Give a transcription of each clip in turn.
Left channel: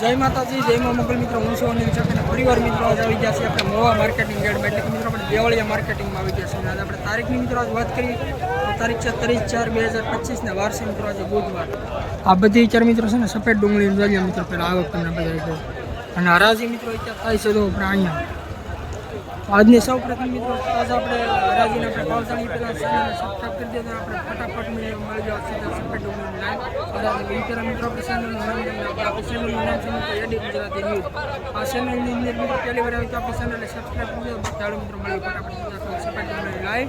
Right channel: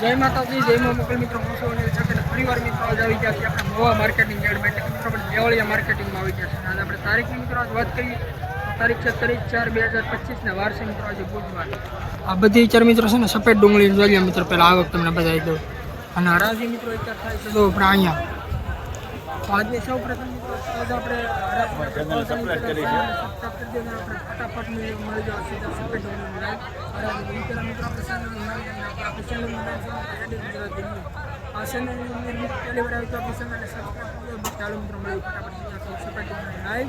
જય માતાજી, જય મા મોગલ મિત્રો. હું છું અનિલ ચાક અને ફરીવાર મિત્રો આજે આવી ગયા છીએ આપણે મોવા માર્કેટિંગ યાર્ડમાં. એટલે કે મિત્રો, આપણે દેવળિયા માર્કેટિંગમાં આવી ગયા છે અને આજે આપણે તારીખની મિત્રો, આજ વાત કરીએ તો તારીખ છે ત્રીસ ચાર બે હજાર પચીસને વાર છે મિત્રો, આજે બુધવાર. આ બધી ચાર મિત્રો છે ને, સફેદ ડુંગળી જોઈએ મિત્રો, પહેલાં આવક તમને બતાવી દઉં. અને હરાજી મિત્રો, અત્યારે થાય છે તો આપણે અહીંયા. આજની સૌ પ્રથમ મિત્રો, તાજા આપણે હરાજીને આપણે પાવસાણી પેલા સન અને સબસ્ક્રાઈબ કરી દેજો આપણે ફટાફટ મળી જાવ સીધા સફેદ ડુંગળીની લાઈવ હરાજી એ પહેલાં મિત્રો, આપણી ચેનલનું નામ તમને આપણે આપણી ચેનલનું નામ છે એડી ગુજરાતી ન્યૂઝ આ ચેનલની અંદર મિત્રો, પહેલી વાર આવી તો આપણી ચેનલને સબસ્ક્રાઈબ કરી દેજો. બાકી ચાલો મિત્રો મળ્યું ફટાફટ સીધા તમે સફેદ લાઈવ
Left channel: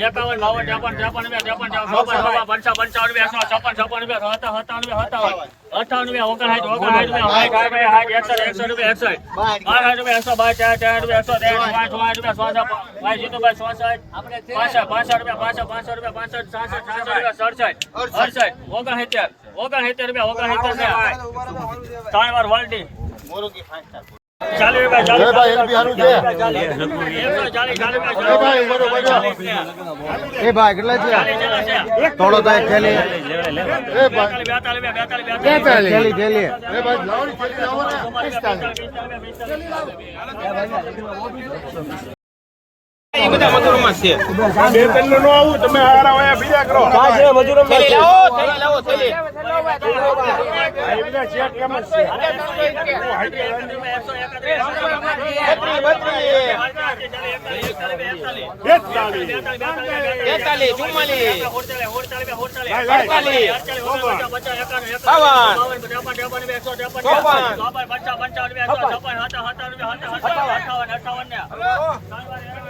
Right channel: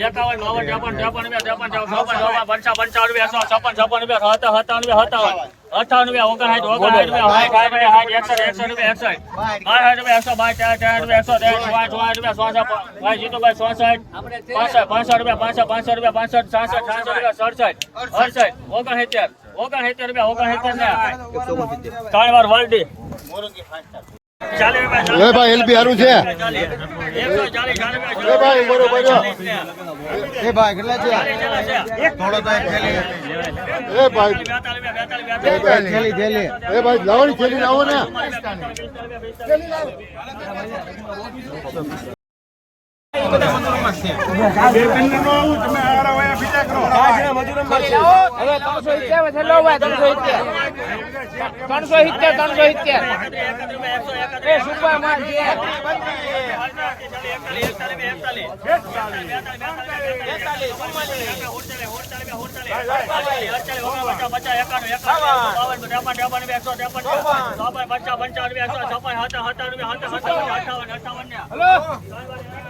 એકાવન બાવન ત્રેપન ત્રેપન રૂપિયા ત્રેપન ચોપન પંચા પંચાવન રૂપિયા સો છપ્પન છપ્પન રૂપિયા હતા હતા રૂપિયા હતા અઠાવન રૂપિયા ઓગણસાઠ ઓગણસાઠ રૂપિયા સાઠ સાઠ રૂપિયા સાઠ એકસઠ રૂપિયા એકસઠ બાસઠ રૂપિયા એકસો બાર ચાર ચાર રૂપિયા એકસો સોસઠ ભાઈ જીતુભાઈ પાસઠ પાસઠ રૂપિયા પાસઠ પાસઠ રૂપિયા પાસઠ સાસઠ સાસઠ રૂપિયા સડસઠ અડસઠ ઓગણસિત્તેર ઓગણસિત્તેર રૂપિયા ઓગણસિત્તેર ને ત્રણ વાર હોલ્ડી ચાલીસ ભાઈ ચાલીસ ભાઈ, એલબી હારું છે. ચાલીસ એકસો ચાલીસ ચાલીસ રૂપિયા ચાલીસ ચાલીસ ને એ ભાઈ કેટલા છે? ચાલીસ ચાલીસ છે. થોડો તો થેલી એ ભાઈ બેતાલીસ બેતાલીસ બેતાલીસ અઠાવન થેલી થેલી એ ભાઈ લાવવાની થેલી લાવો ને છે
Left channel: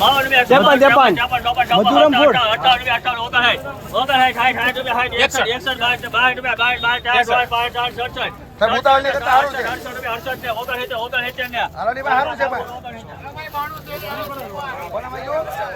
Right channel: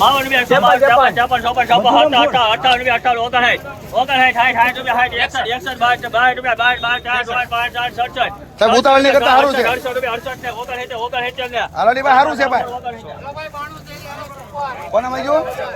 બાવન રૂપિયા છપ્પન છપ્પન છપ્પન છપ્પન અઠાવન રૂપિયા અઠાવન ઓગણસાઠ સાઠ સાઠ રૂપિયા સાઠ એકસઠ. એકસઠ બાર બાર રૂપિયા બાર બાર ચાર સોળ પાંચ ચાર સડસઠ સાહેબ ઉતાવળ નહીં કરતા સારું છે. અડસઠ રૂપિયા અડસઠ ને ઓગણસિત્તેર ઓગણસિત્તેર ને હાલો ની. ભાઈ સારું છે ભાઈ. કોને ભાઈ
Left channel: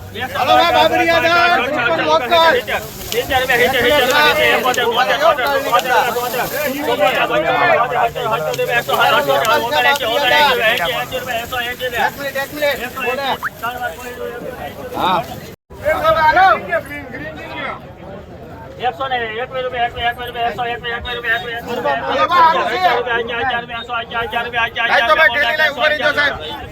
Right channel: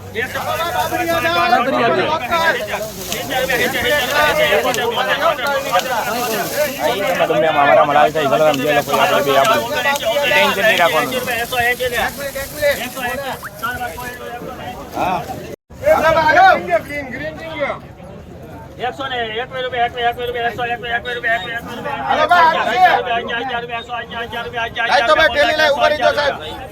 ગ્રીન હો. તેતાલીસ તેતાલીસ હાલો એકસો ને એકવીસ રૂપિયા એકવીસ એકવીસ રૂપિયા એકસો એકવીસ એકવીસ રૂપિયા એકવીસ રૂપિયા એકવીસ રૂપિયા એકવીસ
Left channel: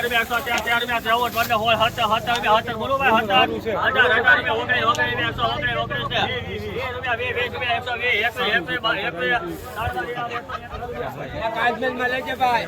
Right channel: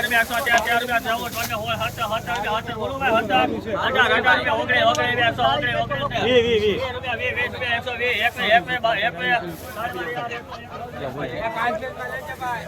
રૂપિયા એકસો અઠાવન એકસો એકસો એકસો બાર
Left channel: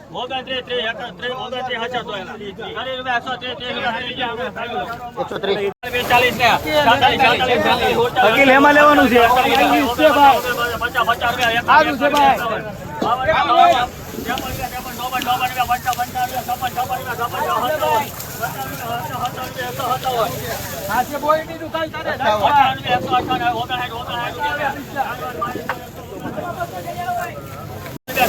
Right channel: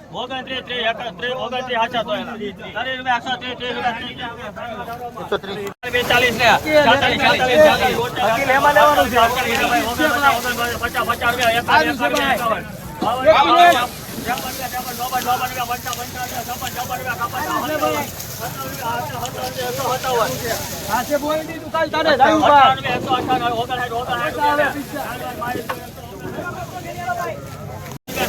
ઓગણત્રીસ ત્રીસ ત્રીસ બેતાલીસ ને સાતાલીસ સાતાલીસ સાતાલીસ પચાસ પચાસ રૂપિયા એકાવન એકાવન બાવન હતા ત્રેપન ત્રેપન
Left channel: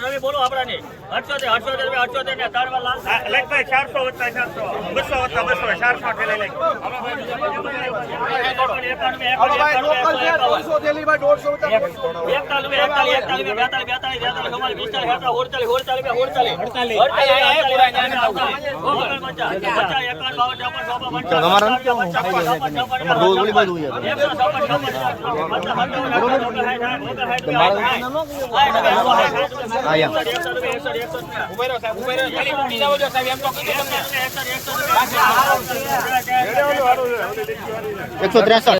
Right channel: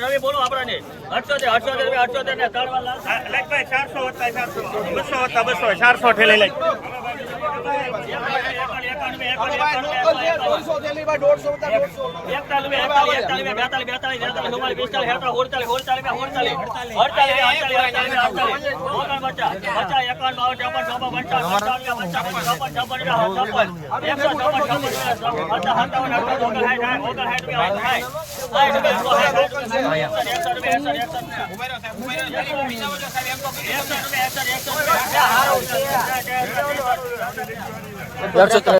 રવિ બોલો આપડે અઠસોતેર અઠસોતેર રૂપિયા અઠસોતેર ને ત્રણ વાર લાલ ચારસો વત્તા ચારસો. બસો વત્તા બસો ચારસો ઠેલી લઈ હાલો એકસો ત્રેસઠ